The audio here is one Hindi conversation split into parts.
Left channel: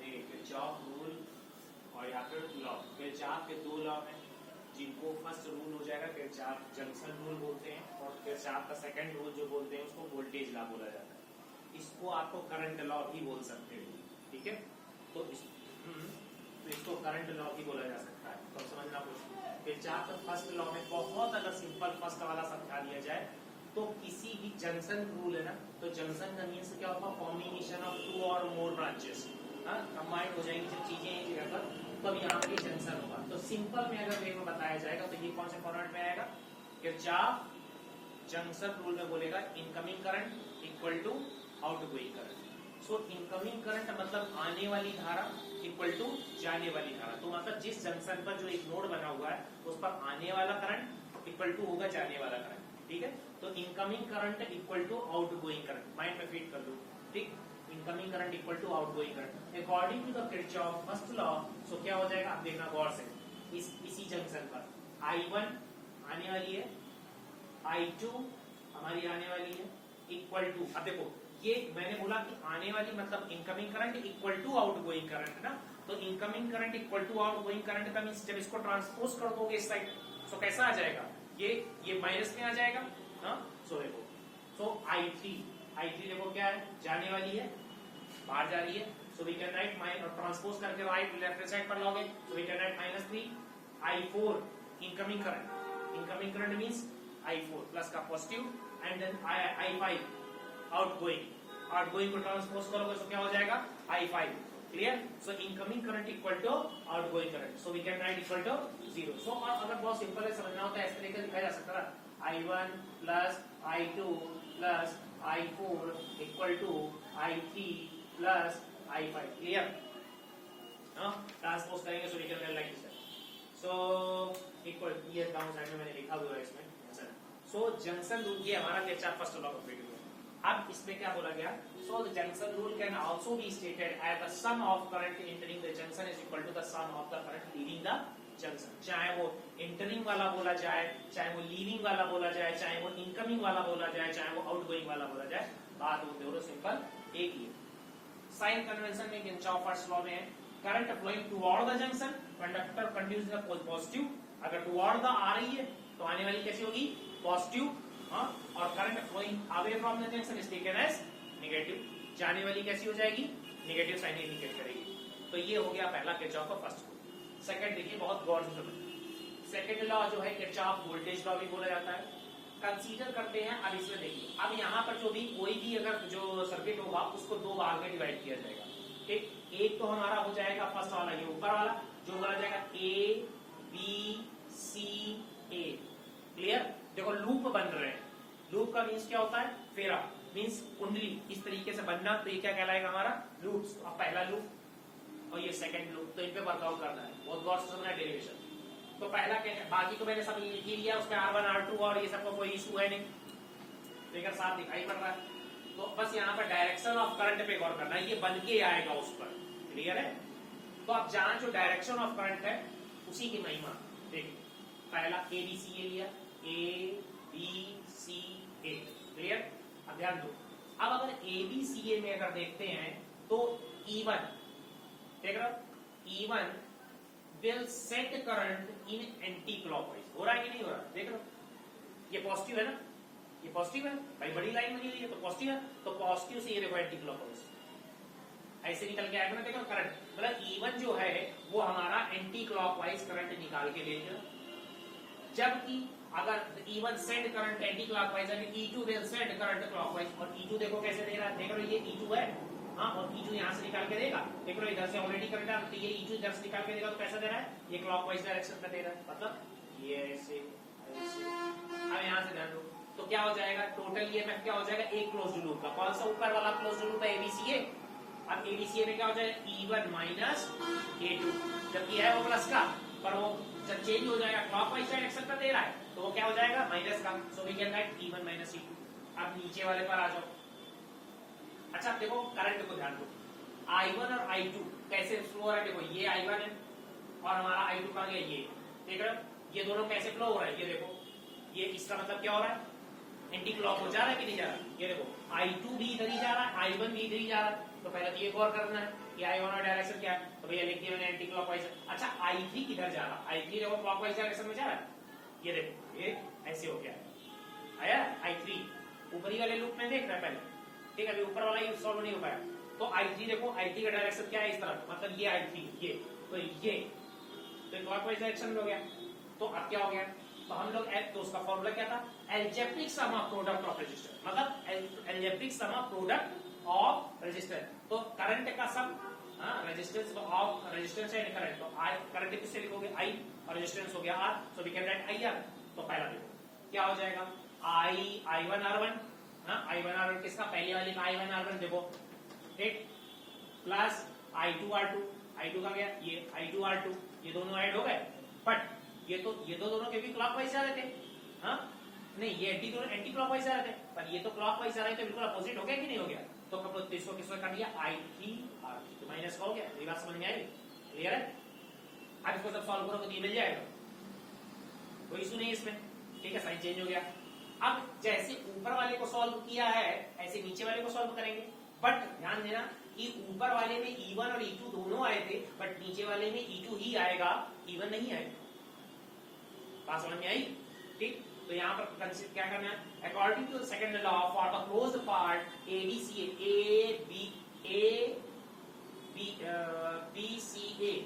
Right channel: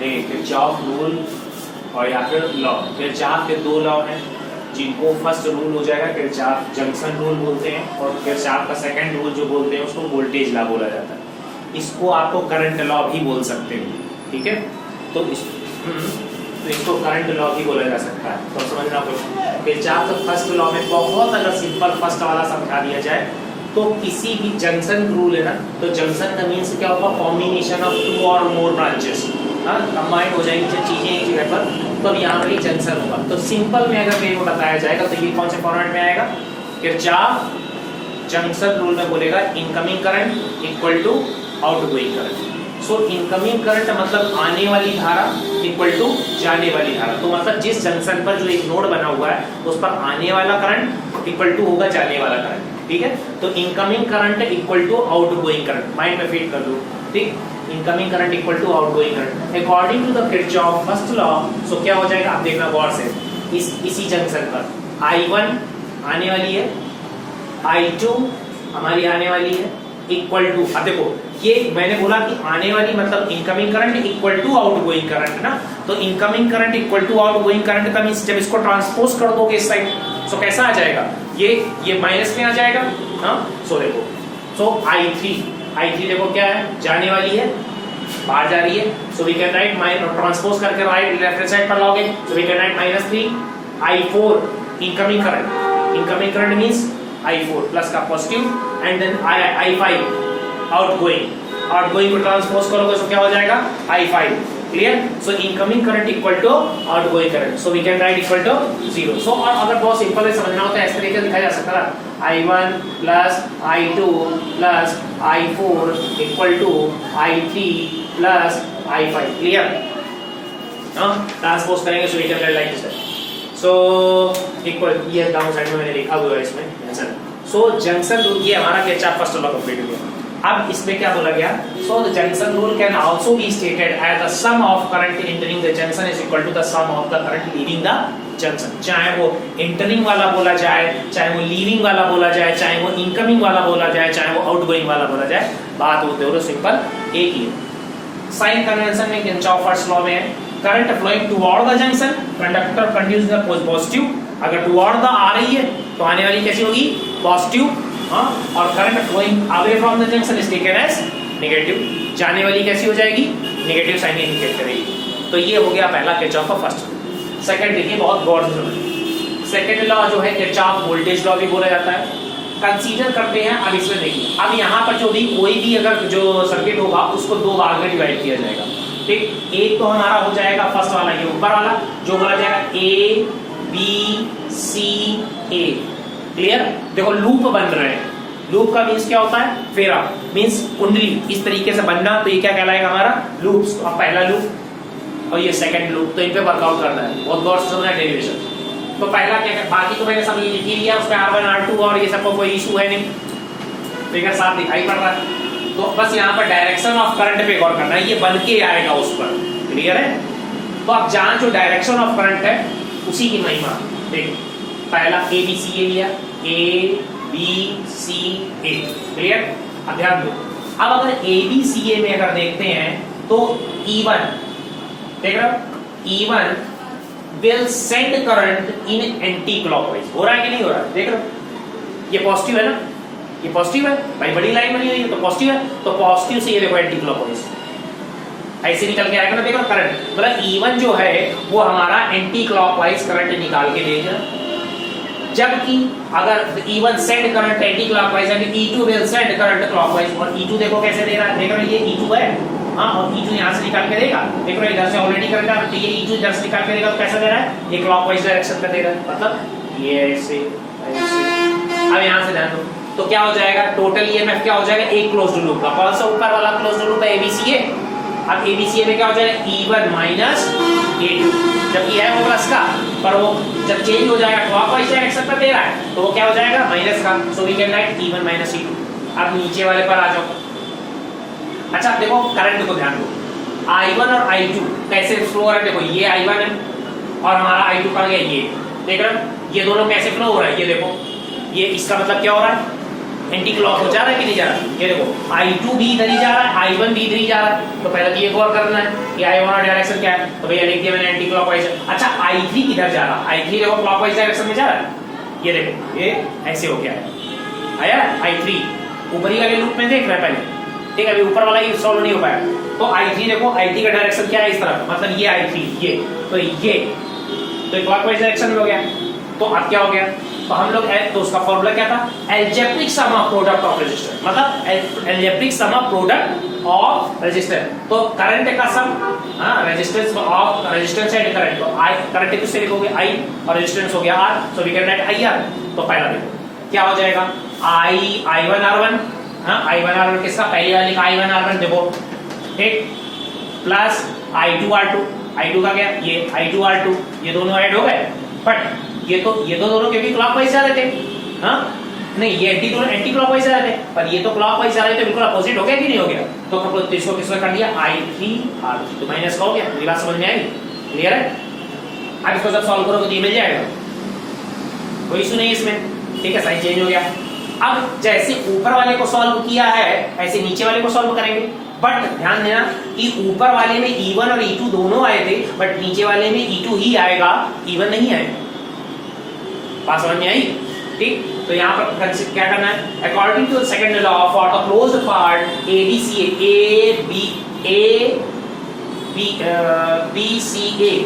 देखिए किरचॉफ रूल और या फिर लॉ, किरचॉफ के दो लॉ हैं जिनको फर्स्ट रूल हो जाएगा किरचॉफ जंक्शन रूल बोलते हैं, और किरचॉफ का सेकंड रूल जो बोलते हैं उसको वोल्टेज लॉ बोला जाता है। इसको आपको करंट लॉ भी बोल सकते हो, ठीक है। तो इसको करंट लॉ भी बोला जा सकता है। तो समझना कुछ किरचॉफ का फर्स्ट लॉ में बहुत अगर सिंपल फर्स्ट वाला समझा दिया जाए तो किसी भी जंक्शन रूल है ना, तो जंक्शन का मीन्स क्या होगा, कॉम्बिनेशन ऑफ टू और मोर ब्रांचेस, कंबाइंड हो जाएंगी जब चीजें एक जगह पर, तो अब यहाँ पर जंक्शन होगा। तो सिंपल में अगर मेरे को बताया जाएगा तो ये कौन से फॉर्मेट में आएगा, किरचॉफ जंक्शन रूल में बोलेगा incoming current equal to outgoing current. So incoming current मतलब आने वाली धारा इक्वल टू जाने वाली धारा। तो मतलब जिस जंक्शन पर जो एक नोड बना हुआ है उस पर आने वाला करंट इक्वल टू होगा जाने वाला करंट, ठीक है। तो incoming current equal to outgoing current, mind में फिट कर दो, ठीक। Incoming current equal to outgoing current according to the Kirchhoff first law. So क्या हो जाएगा आप देखना गौर से, इसी जंक्शन पर I1 आने वाली है, I2 हमारी आने वाली है इक्वल टू, अब देखो ये मैंने बोला कि आने वाली मतलब incoming current equal to outgoing current ना, तो incoming current equal to outgoing current का मींस जब इसको ट्रांसपोज कर दोगे इस साइड सो कैसा आ जाएगा, ये माइनस में आ जाएगा, हाँ। सो देखो, सो I3 देखो क्या है, जाने वाली है, बाहर जा रही है, so we can write minus transpose करके राइट लेफ्ट साइड पर लाओगे, so we can write -3। I4 incoming current means I4 plus का positive and then I5 outgoing को ट्रांसपोज करोगे तो क्या हो जाएगा I5, clear. So incoming current equal to outgoing current, so we can write equal to 0। So और अगर बहुत सिंपल है समझना हो तो इस तरीके से लिखा जा सकता है I1 plus I2 plus I4 equal to I3 plus I5, clear. Transpose करेंगे so we can write like this. So equal ये डाउन साइड में मैंने लिखा हुआ है इसमें जंक्शन। सो जंक्शन रूल ये हमारा किरचॉफ फर्स्ट लॉ कंप्लीट हो गया। अब इसमें क्या बोला गया, so the junction rule can also be stated as the sum of current entering the junction is equal to the sum of the current leaving the junction. चाहे वो एंटरिंग वाला बोला जाए, चाहे वो लीविंग वाला बोला जाए, चाहे वो इनकमिंग वाला बोला जाए, चाहे वो आउटगोइंग वाला बोला जाए, बात वो दोनों सिंपल एक ही है। साइन कन्वेंशन में किरचॉफ फर्स्ट लॉ में है current flowing toward the junction conductor conduce the positive, अगर टुवर्ड द आ रही है तो आने वाली कैसी होगी पॉजिटिव, हाँ। और current flowing away from the junction is taken as negative, जाने वाली कैसी हो जाएगी नेगेटिव साइन इंडिकेट करेगी। तो ये हो गया पहला किरचॉफ का फर्स्ट। सेकंड देखिए बहुत गौर से समझिए, सेकंड लॉ जो है किरचॉफ वोल्टेज लॉ भी बोला जाता है। कंसीडर करते हैं अब इसमें देखिए, अब यहाँ पर जो भी कोई भी अगर जो सर्किट होगा उसको दो भाग में डिवाइड किया जाएगा, ठीक। एक तो हमारा हो जाएगा फर्स्ट वाला ये ऊपर वाला जो बोला जाएगा ABCA, क्लियर। देखो लूप बन रहे हैं, लूप का मींस क्या होता है, फेरा मींस कुंडली इस तरीके से बनना, तो ये क्या कहलाएगा हमारा लूप्स। अब पहला लूप और ये सेकंड लूप, तो इन पे वर्कआउट करना है, बहुत गौर से समझना है डेरिवेशन। तो पहला क्या, बाकी तो मैंने सब लिख ही लिया, उसमें R1 R2 और ये सबको कोई इशू है नहीं, फिगर साफ दिखाई पड़ रहा है। तो बस यहाँ पर डायरेक्शन ऑफ करंट पे गौर करना है, ये बन के आएगा उस पर, क्लियर है। तो अब जहां जो डायरेक्शन ऑफ करंट है उसी की महिमा देखो, पहला ABCA लिया, ABCA, क्लियर। अब ध्यान दो, अब अगर ABCA में अगर देखते हैं तो E1 देख रहे हो, E1 will send current in anti clockwise, हो रहा है कि नहीं हो रहा है, देख रहे हो ये पॉजिटिव है ना, ये पॉजिटिव है भाई, बड़ी लाइन बनी हुई है तो पॉजिटिव है, तो पॉजिटिव से ये देखो एंटी क्लॉकवाइज ऐसे निकल के आएगा ना, देखो करंट मतलब E1 जो है वो हमारा एंटी क्लॉकवाइज करंट निकाल के देगा, जबकि अगर E1 send current anti clockwise है E2 will send current clockwise. और E2 देखो कैसे दे रहा है, देख रहे हो ये E2 है, हाँ, और E2 यहाँ से निकाल के देगा, देख रहे हो इधर से ऑलरेडी करंट है, तो ये E2 इधर से निकाल के देगा, तो कैसा दे रहा है, ये क्लॉकवाइज डायरेक्शन में दे रहा है, मतलब ये ऐसे ऐसे। अब यहाँ से ध्यान दो, तो क्या हो जाएगा टोटल ईएमएफ क्या हो जाएगा, एक क्लोज्ड लूप का, कौन सा ऊपर वाला क्लोज्ड लूप है ABCA। अब ABCA में क्या हो जाएगा E1 माइनस A2, जबकि है वो प्लस का, पर वो जब चेंज हो जाएगा क्लॉकवाइज डायरेक्शन पर दे रहा है तो वो क्या हो जाएगा माइनस का, so we can write E1 minus E2। अब नीचे वाले पर आ जाओ, अच्छा देखो करंट को ध्यान दो, I1 और I2 कैसे फ्लो हो रहा है, देखो ये I1 है और हमारा I2 कहाँ गया, ये देख रहे हो, ये दोनों कैसे फ्लो हो रहा है, ये देखो, ये इसका मतलब क्या हो रहा है, एंटी क्लॉक हो जा रहा है कि नहीं जा रहा है? ये देखो I2 भी इधर ही जा रहा है, I1 भी इधर ही जा रहा है, तो पहले तो ये गौर करना है कि I1 और डायरेक्शन क्या है, तो भैया लिख दिया मैंने एंटी क्लॉकवाइज। अच्छा I3 किधर जा रहा है? I3 देखो क्लॉकवाइज डायरेक्शन में जा रहा है, ये देखो ये ऐसे हो गया है, आया I3 ऊपरी वाले लूप में देख रहा है पहले, ठीक है, अभी ऊपर वाला ही सॉल्व नहीं हो पाया। तो I3 देखो, I3 का डायरेक्शन क्या है? इस तरफ, मतलब ये I3 ये, तो ये तो क्लॉकवाइज डायरेक्शन में हो गया। तो अब क्या हो गया? तो हम लोग तो उसका फॉर्मूला क्या था? Algebraic sum of product of resistor, मतलब algebraic sum of product of resistor. तो करंट का सम, हां, resistance of resistance and current, तो आई करंट किससे लिखोगे? I और रेजिस्टेंस हो गया R, so we can write IR। तो पहला देखो क्या हो जाएगा, I1 R1, हां, I1 R1 किसका? पहले वाले का I1 R1 देखो, ठीक, प्लस I2 R2, I2 का क्या? ये I2 R2, ये दोनों ऐड हो गए, बट ये तो दोनों क्योंकि क्लॉकवाइज जा रहे थे, हाँ, नहीं ये एंटी क्लॉकवाइज जा रहे थे, पर ये तो क्लॉकवाइज जा रहे थे, बिल्कुल अपोजिट हो गया कि नहीं हो गया? तो इसको किसका कर दिया? I3 R3, तो माइनस का हो गया। मेरी बात समझ में आई? क्लियर है? अब इसको जब सॉल्व करोगे तो ये मिल जाएगा, कोई इशू नहीं इसमें, ठीक है, साइन चेंज हो गया। अब जैसे ऊपर वाले को सॉल्व किया है ऐसे नीचे वाले को सॉल्व करेंगे, बट ध्यान देना कि ऊपर वाले में E1 और E2 दोनों आए थे, बट नीचे वाले में E2 ही आएगा, E1 नहीं आएगा। बात समझ में आई? ठीक, तो यहाँ पर क्या करना है? According to the second law for the closed part BCA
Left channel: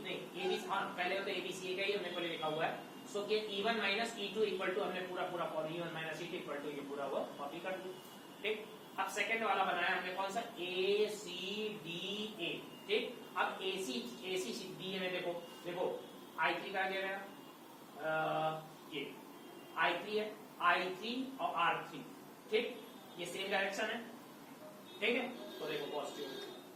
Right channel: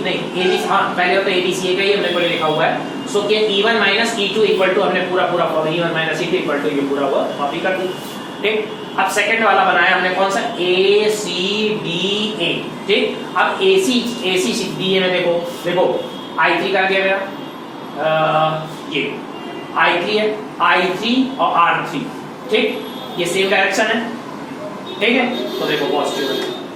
नहीं ABC, हाँ पहले तो ABCA का ही हमने पहले लिखा हुआ है, सो कि E1 minus E2 equal to, हमने पूरा E1 minus E2 equal to ये पूरा वर्क कॉपी कर दी, ठीक। अब सेकंड वाला बनाया हमने कौन सा? ACBA, ठीक। अब ACBA में देखो I3 का क्या मेरा, ये I3 है, I3 और R3, ठीक, ये सेम डायरेक्शन है, ठीक है, तो देखो positive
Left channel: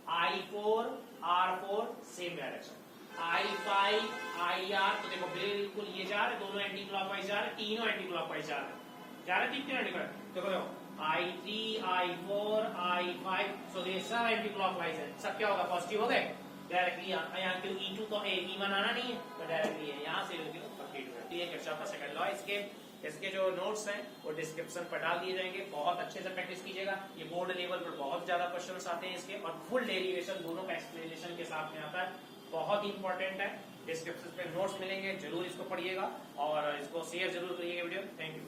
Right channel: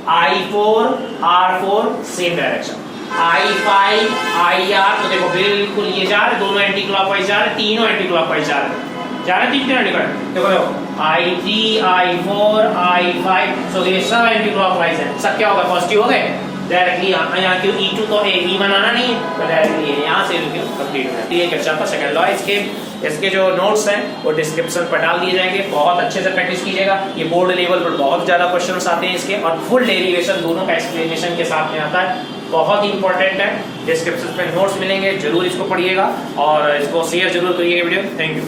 I4 R4 same direction, I5 IR, तो देखो बिल्कुल ये जा रहे, दोनों एंटी क्लॉकवाइज जा रहे, तीनों एंटी क्लॉकवाइज जा रहे, तीन एंटी क्लॉकवाइज। देखो I3 I4 I5, सो ये सब एंटी क्लॉकवाइज है, सब क्या होगा? पॉजिटिव हो गए। डायरेक्टली यहाँ क्यों E2 तो E1 आना नहीं है, तो डायरेक्टली यहाँ से कंप्लीट हो जाती है। कक्षा का सेकंड लॉ, इसके जो नोट्स हैं वो डिस्क्रिप्शन पर डाल दिए जाएंगे, बहुत अच्छे से प्रैक्टिस कीजिएगा। ये बोर्ड लेवल पर बहुत ज़्यादा क्वेश्चंस आते हैं इसके, और फुल डेरिवेशन दोनों का एक्सप्लेनेशन के साथ में आता है, बहुत इंपॉर्टेंट है। डिस्क्रिप्शन में नोट्स मिलेंगे, जरूर इसको पढ़िएगा और इसको शेयर जरूर करिएगा वीडियो। Thank you.